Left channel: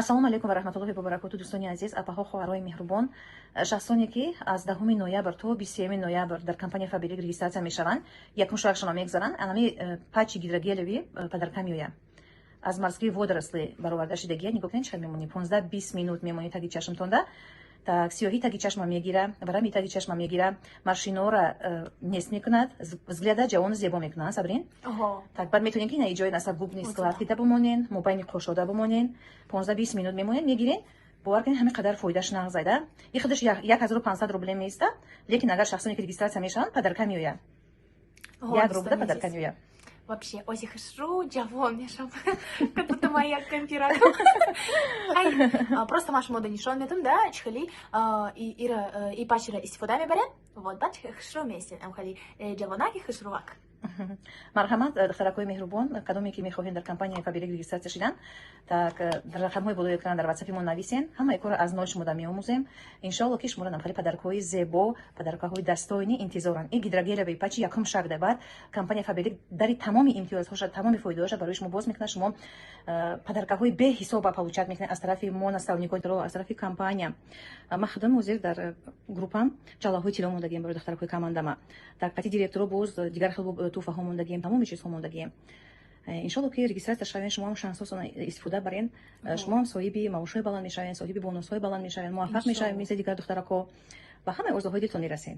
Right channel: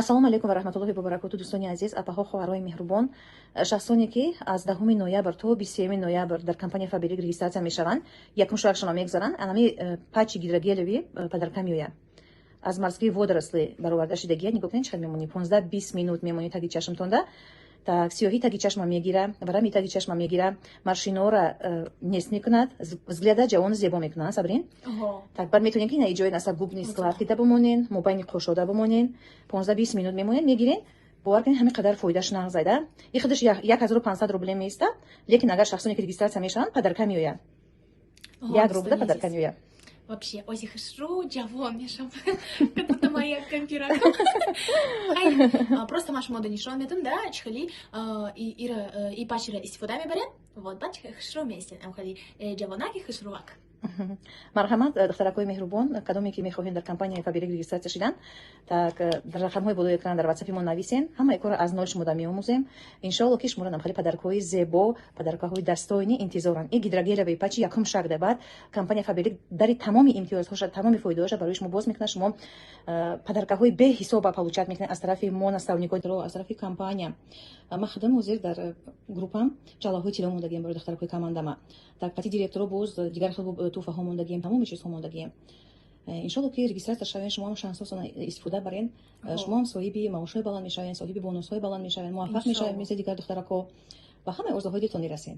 ассалому алейкум ва раҳматуллоҳи ва баракатуҳ. Дӯстони азиз, апаҳо, хоҳарои меҳрубон, шахсоне ки аз 10 ноябр то 23 ноябр дар компанияи Фаберик регистратсия мешаванд, якум шуар шумо мегзаранд, анами пачи гидрогелеви падарка меояд. аз мазкуи водоросли бароварда шудагиҳо нигоҳ кунед, чӣ мемонед 15-20 минут мемонед таги чашмтонда. Так сиёҳӣ таги чашма мегира, рами таги чашма мегира, маршинора нест мекунад, взгляда ҷавону зебо мекунад. Сабрин так баъд метавонед ки ҷои насар бубнист вақтида бимонед, мобайни қошода бимонед, 15-20 минут мемонед, мегиред бовар кунед ҳамин қадар фоидаш нағзада. ин худаш 1500 рубл меистад, лекин агар шахсоне ки регистратсия мешаванд, падарка меояд. 1 рубл падарка меояд. Вообще, ози хашру, джавон мешам, как будто моя компират. Просто маш мода нишон метун, да, чхали, и пачера истифода мебарен, вот, бач хашру месен, хали джавонаки хашрувак. марҳамат, духтаракҳои меҳрубон, кадоме ки мехоҳед дар компанияи Фаберик регистратсия шудан, так рақамҳои болои экран дар ватсапи мо нависен, ҳамаи кор аз нои шумода меомӯзем. Иншалло ки шуморо намхали падаркаҳои зебо, падаркаҳои дастоини интизоранд. ин гидрогелеваи пачи якум шагда баъд компанияи Фаберик дари тамоми имтиёзҳоша, тамоми фоидаҳоша барои шумо боз мекунад. шумо падаркаҳои беҳисоба получат мекунед аз тарафи мо наставникҳо, аз тарафи компания. ман худам ҳозир дар группам ҷалаҳои тилло мондагием барои духтаракҳои командама. так пати директоро боз дигар хел туҳфаҳо мондагием, тамоми чизҳо мондагием. иншалло ки регистратсия шавен, шумо ҳам шансҳоро истифода барен, шумо ҳам соҳиби маошҳои баланд мешавен, соҳиби бонусҳои баланд мешавен, муваффақ мешавен мисли дигар духтаракҳо ва ҳамаи орзуҳои дилтон мерасен.